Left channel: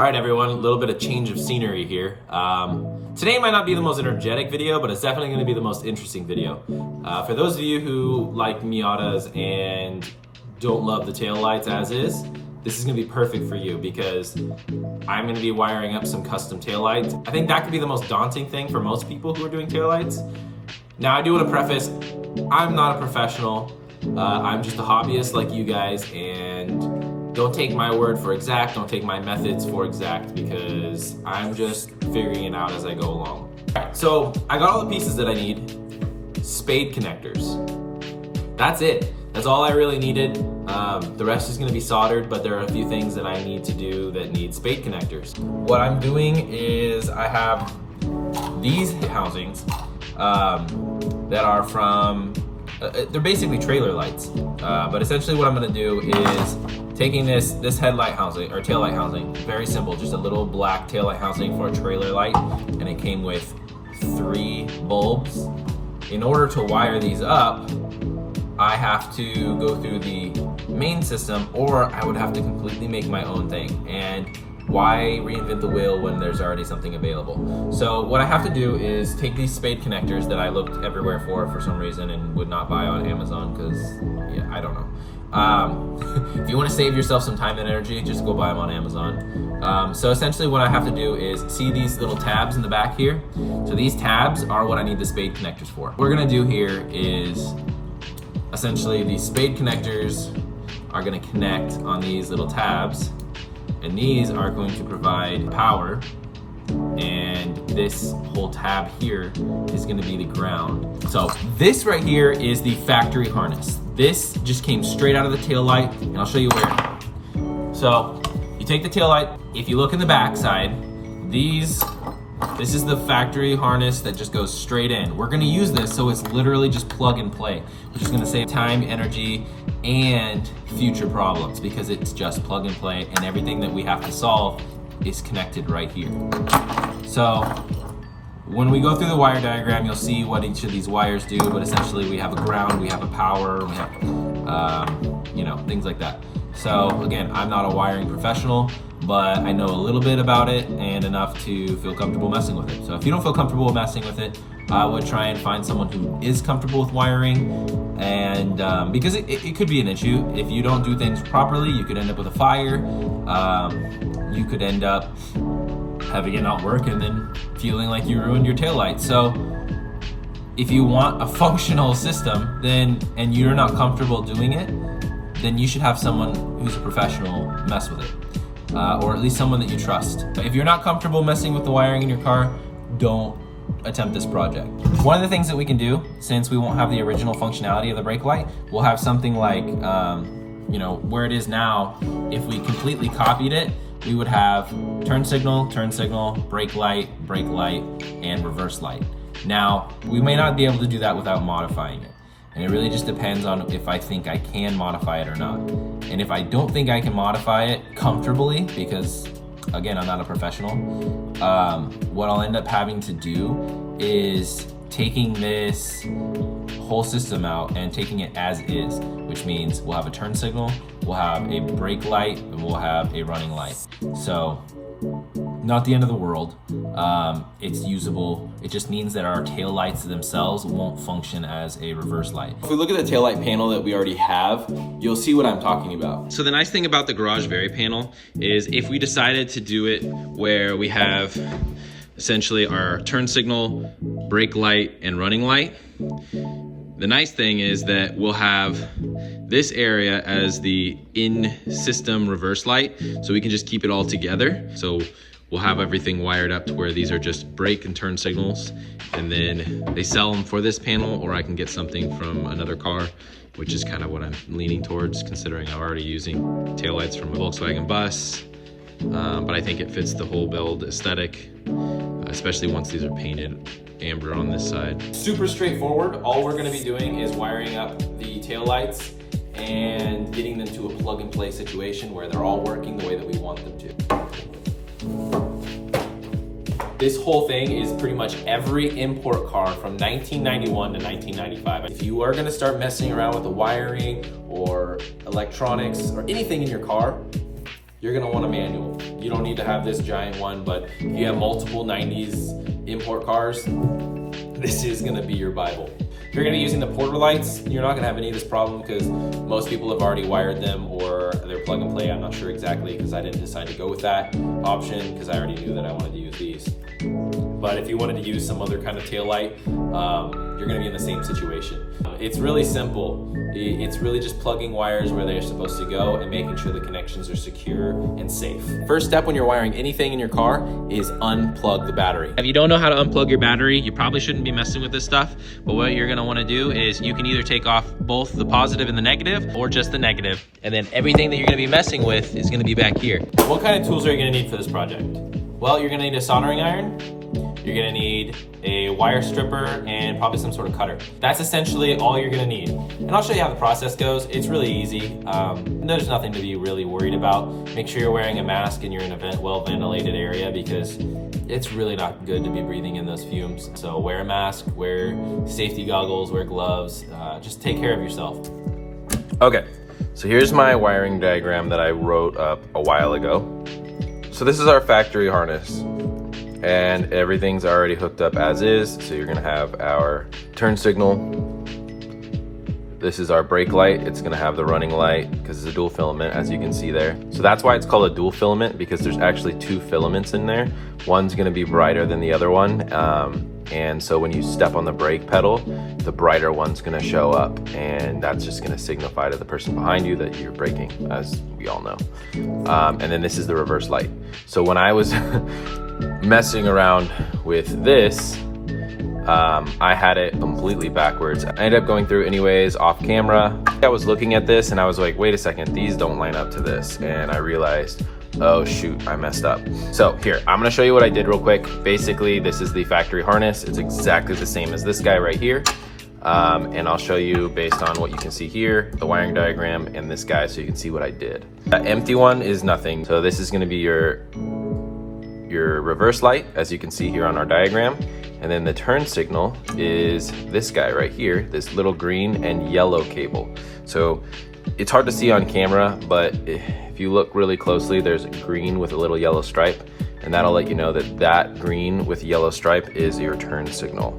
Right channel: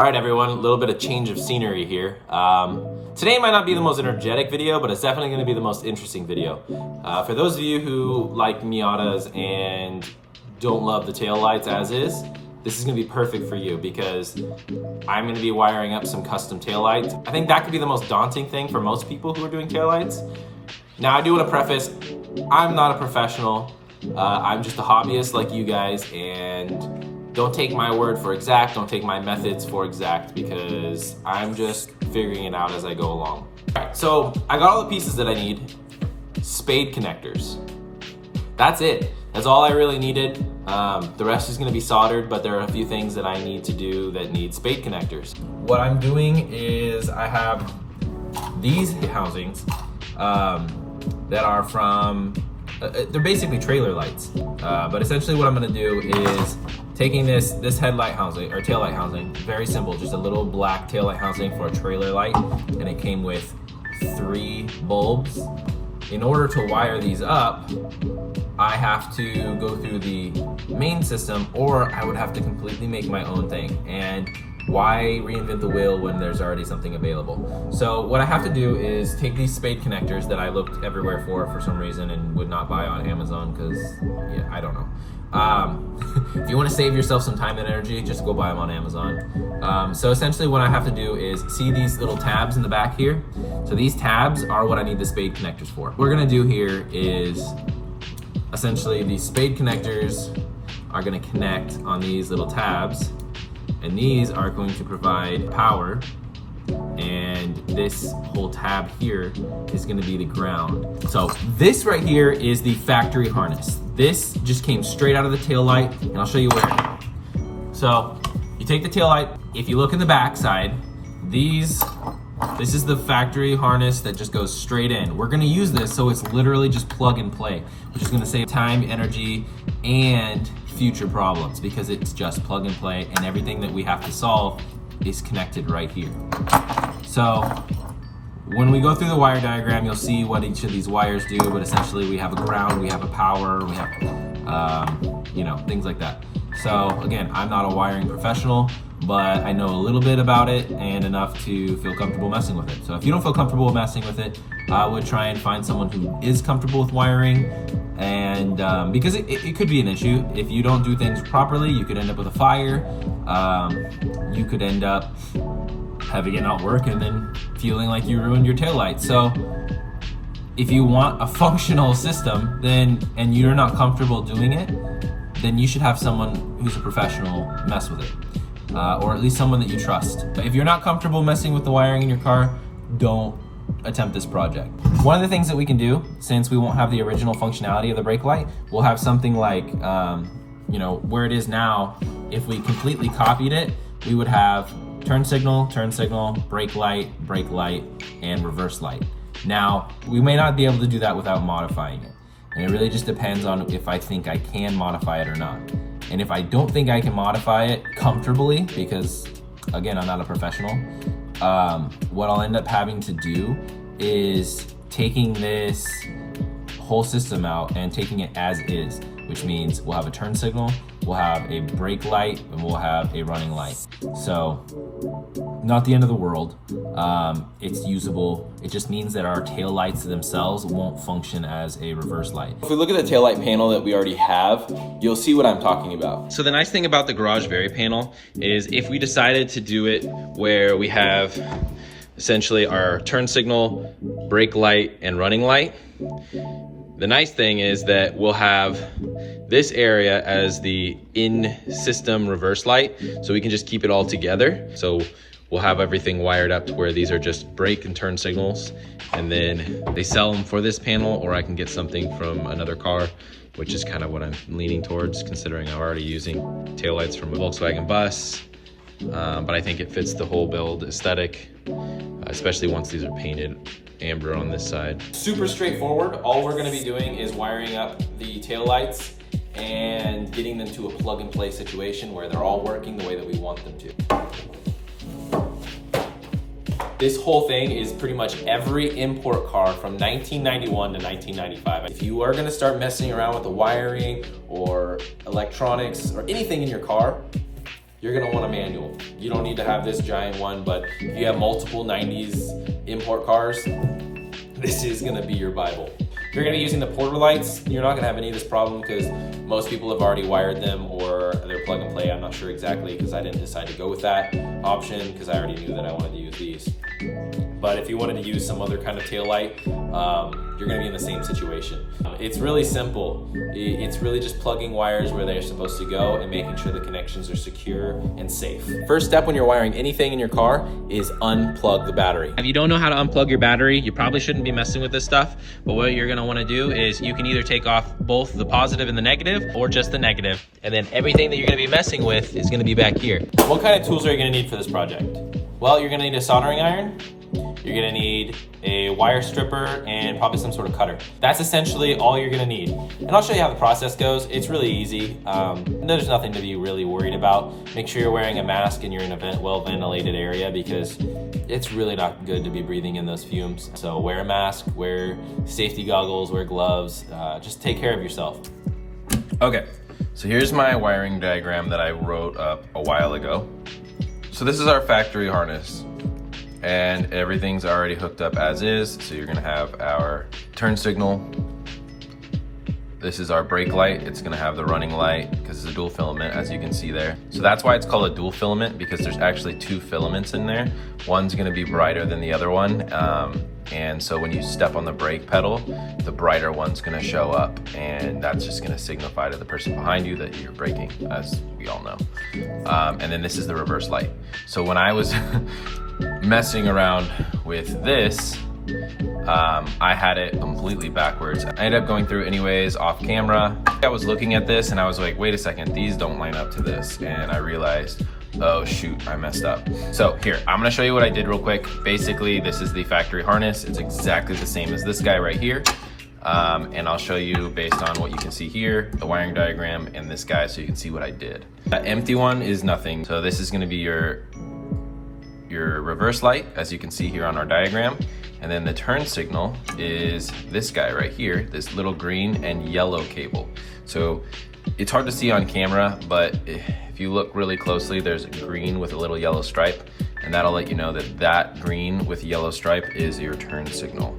All right, everyone, a little bit of change of scenery here. Today might not be the most energetic video, but it's definitely going to be the most interesting video. For those of you who like Miatas and don't love the taillights as is, this is going to be perfect for you because I'm going to be wiring up some custom taillights. I think that could be the most daunting thing for most people who are doing taillights. Now, I do want to preface, I'm not a professional. I'm just a hobbyist like you guys, and don't take my word for exact, don't take my methods for exact, because I'm just figuring it out as I go along. So I got all the pieces that I need. Spade connectors. That's it. That's all I really needed. The rest is gonna be soldered, but there are a few things that I need to do that need spade connectors. What I'm doing is I have these housings that are from, they're basically trailer lights. But essentially what I'm gonna do is taking this headlight housing, or taillight housing, very simple, just a little black taillight housing for a trailer light, and it came with 3 bulbs. In order to wire these up, I have to go through the main system, or I would have to completely make my own thing. And why reinvent the wheel when there's already something available? So what I have to do is take these spade connectors that I looked everywhere for some reason and would not buy on Amazon because, yeah, I don't know. If you want to save yourself some time and energy, just go buy them on Amazon. So essentially what I have to do is see these little tabs in the back here. So these tabs are what I need the spade connectors for. What we're gonna do here is essentially these spade connectors are gonna connect on these little tabs, and these are going to provide power, and this whole tab here is gonna be the ground. So this right here is the factory harness. This just came straight out of the tail light, and I'll show you where. So you take the tail light. If you look in the back side, this is the factory harness that just goes straight in. We're gonna use this so it's literally just plug and play, which is gonna save time, energy, and future problems because it's just plug and play, and everything that we have to solve is connected right here. So when we go through the wire diagram, you'll see what each of these wires do, but essentially we have a ground, we have a power, we have, things like that. So again, I'm not a wiring professional, but I know a little bit about it and enough to feel comfortable messing with it. So if you don't feel comfortable messing with it, I would try and find someone who is comfortable with wiring, and because it could be an issue. If you don't do things properly, you could end up with a fire. You could end up having it not work and then feeling like you ruined your taillight. So if you want a functional system and you're not comfortable doing it, then you should have someone who's a professional mess with it, or at least someone that you trust. But if you're not comfortable messing with the wiring in your car, don't attempt this project. One of the things that we can do, since we won't have the original functionality of the brake light, we'll have something like, where it is now. If we completely copied it, we would have turn signal, brake light, and reverse light. Now, we may not be able to do that without modifying it. And it really just depends on if I think I can modify it or not. And if I don't think I can modify it comfortably, because again, I'm not a professional, what I'll end up having to do is taking this whole system out and taking it as is, which means we'll have a turn signal, we'll have a brake light, and we'll have a running light. So, not the end of the world. It's usable. It just means that our tail lights themselves won't function as a reverse light. If we look at the tail light panel that we already have, you'll see what I'm talking about. So the nice thing about the Garage Vary panel is if we decided to do it where we have essentially our turn signal, brake light, and running light, the nice thing is that we'll have this area as the in-system reverse light, so we can just keep it all together. So we'll have everything wired up to where these are just brake and turn signals, and then they sell them for this panel, or I can get something from another car, which is kind of what I'm leaning towards, considering I'm already using taillights from a Volkswagen bus. But I think it fits the whole build aesthetic, especially once these are painted amber on this side. Super straightforward. All we're gonna be doing is wiring up the taillights and getting them to a plug and play situation where they're all working the way that we want them to. This whole thing is pretty much every import car from 1991 to 1995. If you are gonna start messing around with the wiring or electronics or anything in your car, you're gonna want a manual. You don't need to have this giant one, but if you have multiple 90s import cars, this is gonna be your Bible. If you're gonna be using the porter lights, you're not gonna have any of this problem because most people have already wired them or they're plug and play. I'm not sure exactly because I didn't decide to go with that option because I already knew that I wanted to use these. But if you wanted to use some other kind of tail light, you're gonna be in the same situation. It's really simple. It's really just plugging wires where they're supposed to go and making sure the connections are secure and safe. First step when you're wiring anything in your car is unplug the battery. If you don't know how to unplug your battery, you probably shouldn't be messing with this stuff. But what you're gonna wanna do is you can either take off both the positive and the negative or just the negative. And then everything that you're gonna be messing with is gonna be back here. What kind of tools are you gonna need for this project? Well, you're gonna need a soldering iron. You're gonna need a wire stripper and probably some sort of cutter. That's essentially all you're gonna need. And I'll show you how the process goes. It's really easy. There's nothing to be really worried about. Make sure you're wearing a mask and you're in a well-ventilated area because it's really not good to be breathing in those fumes. So wear a mask, wear safety goggles, wear gloves. Just take care of yourself. Okay, so here's my wiring diagram that I wrote up a while ago. So this is our factory harness. And everything's already hooked up as is. So you're gonna have our turn signal. This is our brake light. It's gonna have the running light because it's a dual filament, as you can see there. So that's why it's called a dual filament, because there's actually two filaments in there. One's gonna be brighter than the other one. And so when you step on the brake pedal, the brighter one's gonna show up, and that's just gonna signify to the person behind you that you're braking, as we all know. And then this is the reverse light. So when I was messing around with this, I had it completely backwards. I ended up going through anyways off camera. I was looking at this and I was like, wait a second, these don't line up to this. And I realized, oh shoot, I messed up. So here, I'm gonna show you what I did real quick. Basically, this is the factory harness. It's exactly the same as this guy right here. And I'll show you based on what you can see here, the wiring diagram and this guy, so you can see what I did. That empty one is nothing. So this is gonna be your reverse light, as you can see here on our diagram. And then the turn signal is this guy right here, this little green and yellow cable. So it's hard to see on camera, but if you look really closely, there's green with a little yellow stripe, and that'll let you know that that green with yellow stripe is your turn signal.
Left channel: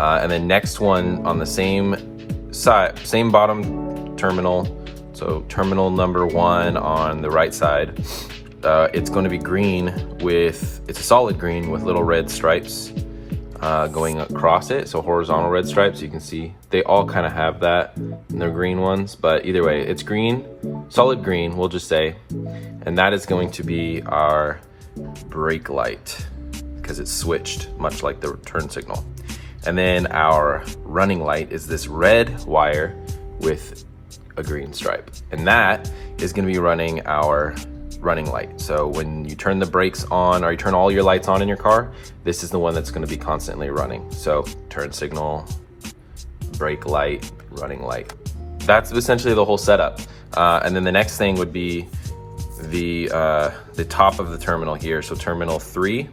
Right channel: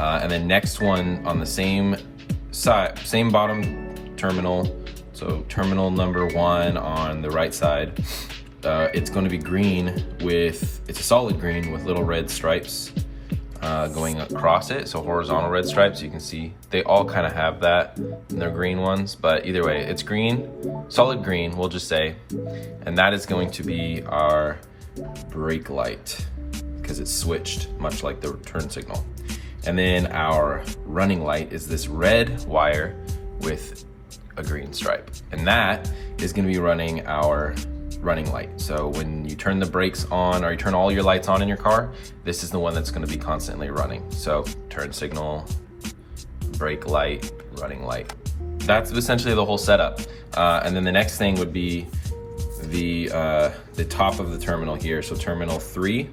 And then next one on the same side, same bottom terminal, so terminal number 1 on the right side, it's going to be green with, it's a solid green with little red stripes going across it, so horizontal red stripes. You can see they all kind of have that in their green ones, but either way, it's green, solid green, we'll just say, and that is going to be our brake light because it's switched, much like the turn signal. And then our running light is this red wire with a green stripe, and that is going to be running our running light. So when you turn the brakes on or you turn all your lights on in your car, this is the one that's going to be constantly running. So turn signal, brake light, running light. That's essentially the whole setup. And then the next thing would be the top of the terminal here. So terminal 3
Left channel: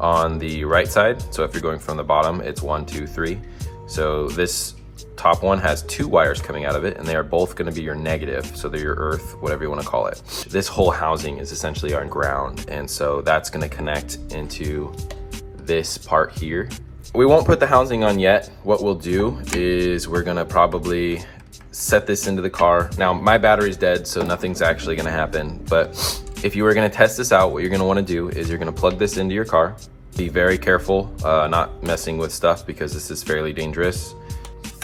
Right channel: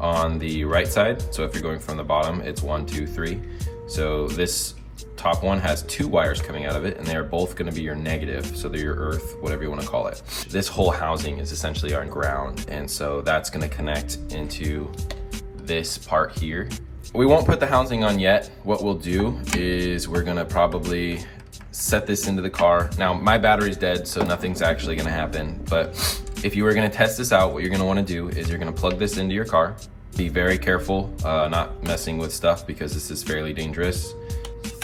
on the right side. So if you're going from the bottom, it's 1, 2, 3. So this top one has 2 wires coming out of it, and they are both going to be your negative, so they're your earth, whatever you want to call it. This whole housing is essentially our ground, and so that's going to connect into this part here. We won't put the housing on yet. What we'll do is we're going to probably set this into the car. Now my battery's dead, so nothing's actually going to happen, but if you were going to test this out, what you're going to want to do is you're going to plug this into your car. Be very careful not messing with stuff because this is fairly dangerous.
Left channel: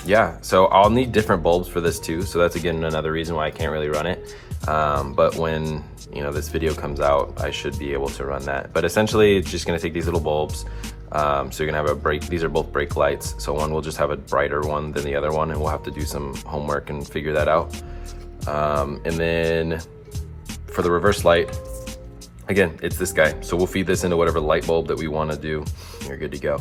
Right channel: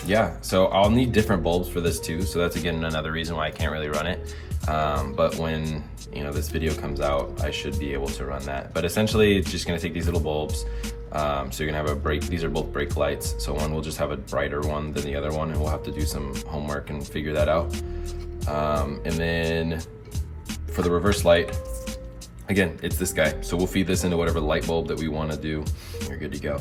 Yeah, so I'll need different bulbs for this too, so that's again another reason why I can't really run it. But when this video comes out, I should be able to run that. But essentially, it's just gonna take these little bulbs. So you're gonna have a brake, these are both brake lights. So one will just have a brighter one than the other one, and we'll have to do some homework and figure that out. And then for the reverse light, again, it's this guy. So we'll feed this into whatever light bulb that we wanna do. You're good to go.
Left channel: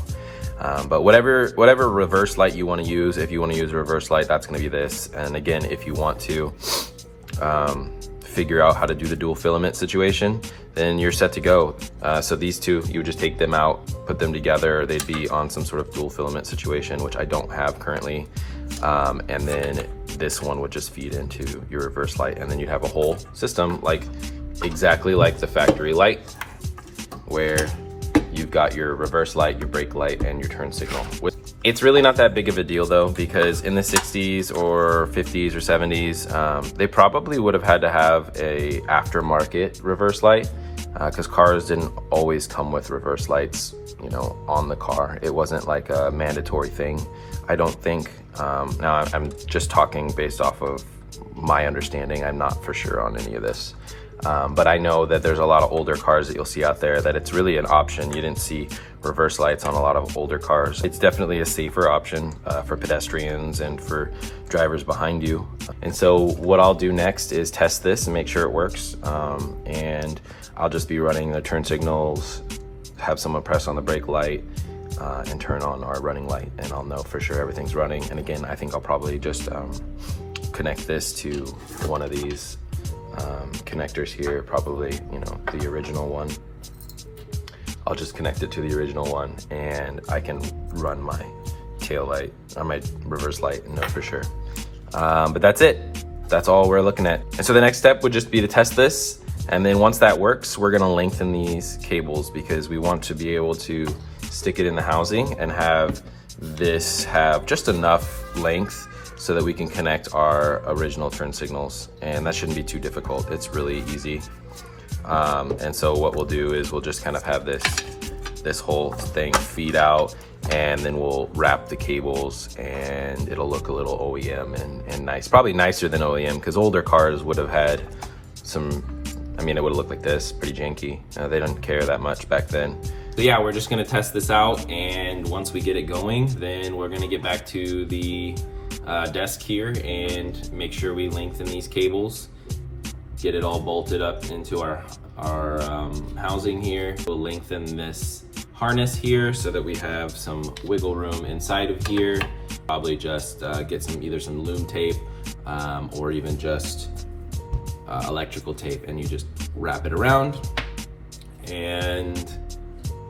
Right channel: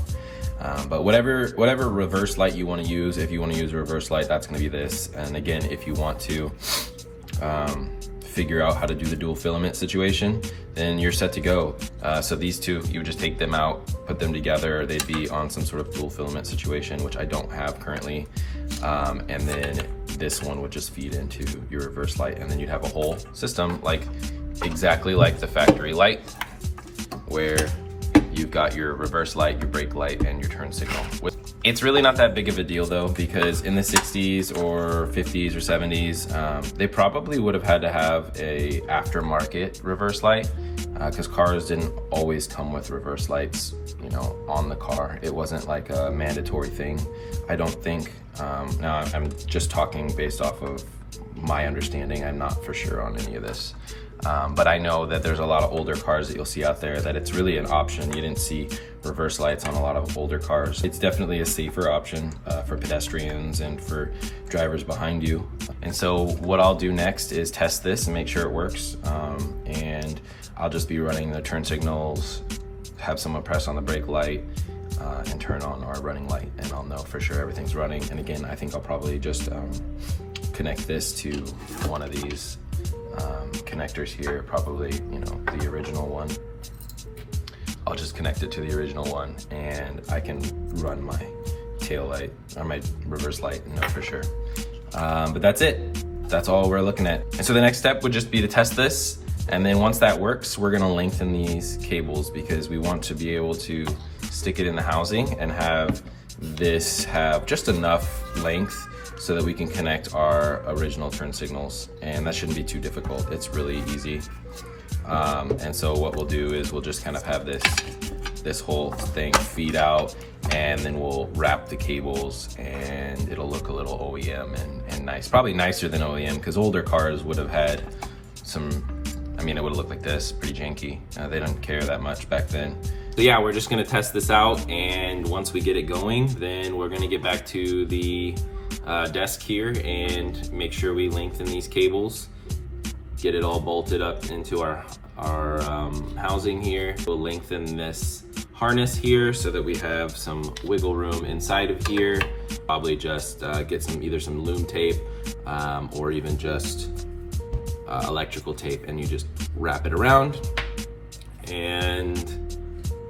But whatever reverse light you want to use, if you want to use a reverse light, that's going to be this. And again, if you want to figure out how to do the dual filament situation, then you're set to go. So these two, you would just take them out, put them together. They'd be on some sort of dual filament situation, which I don't have currently. And then this one would just feed into your reverse light, and then you'd have a whole system like exactly like the factory light, where you've got your reverse light, your brake light, and your turn signal. It's really not that big of a deal though, because in the 60s or 50s or 70s, they probably would have had to have a aftermarket reverse light, because cars didn't always come with reverse lights, you know, on the car. It wasn't like a mandatory thing, I don't think. Now I'm just talking based off of my understanding. I'm not for sure on any of this. But I know that there's a lot of older cars that you'll see out there that it's really an option. You didn't see reverse lights on a lot of older cars. It's definitely a safer option for pedestrians and for drivers behind you. And so what I'll do next is test this and make sure it works. And I'll just be running the turn signals, have someone press on the brake light, and turn on our running light, and I'll know for sure everything's running. And again, I think I'll probably just connect this to one of these connectors here, probably, you know, the original one. I'll just connect it to the original one, and I can run my tail light or my reverse light and know for sure. But that's it. That's all we're looking at. And so the next step would just be to test this. And then once that works, we're gonna lengthen these cables, because we want to be able to stick it in the housing and have this have just enough length so that we can connect our original turn signals. And that shouldn't be too difficult. It's really easy. And so what we'll do is we'll just kind of have this whole thing feed out, and then we'll wrap the cables, and it'll look a little OEM and nice. Probably nicer than OEM, because older cars would have had some, I mean, it would have looked like this, pretty janky. They didn't care that much back then. So yeah, we're just gonna test this out, and once we get it going, then we're gonna get back to the desk here and make sure we lengthen these cables, get it all bolted up into our housing here. We'll lengthen this harness here so that we have some wiggle room inside of here. Probably just get either some loom tape or even just electrical tape, and you just wrap it around, and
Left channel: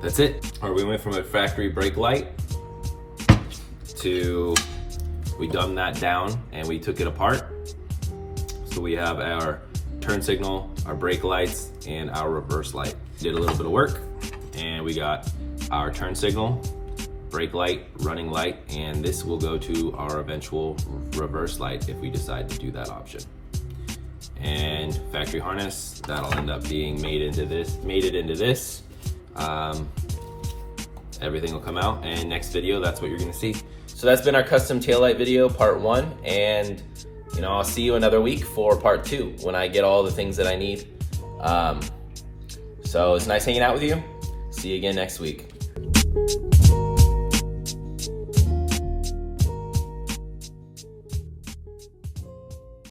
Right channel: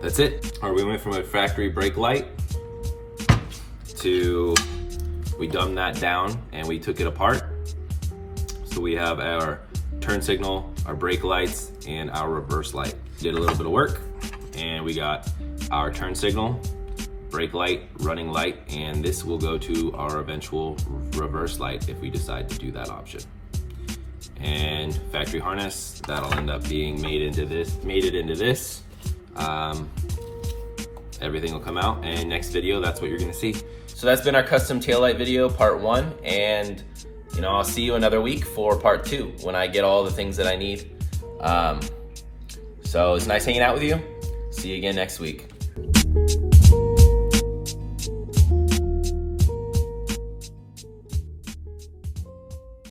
that's it. All right, we went from a factory brake light to, we dumbed that down and we took it apart. So we have our turn signal, our brake lights, and our reverse light. Did a little bit of work, and we got our turn signal, brake light, running light, and this will go to our eventual reverse light if we decide to do that option. And factory harness, that'll end up being made into this. Everything will come out, and next video, that's what you're gonna see. So that's been our custom taillight video, part 1, and you know, I'll see you another week for part 2 when I get all the things that I need. So it's nice hanging out with you. See you again next week.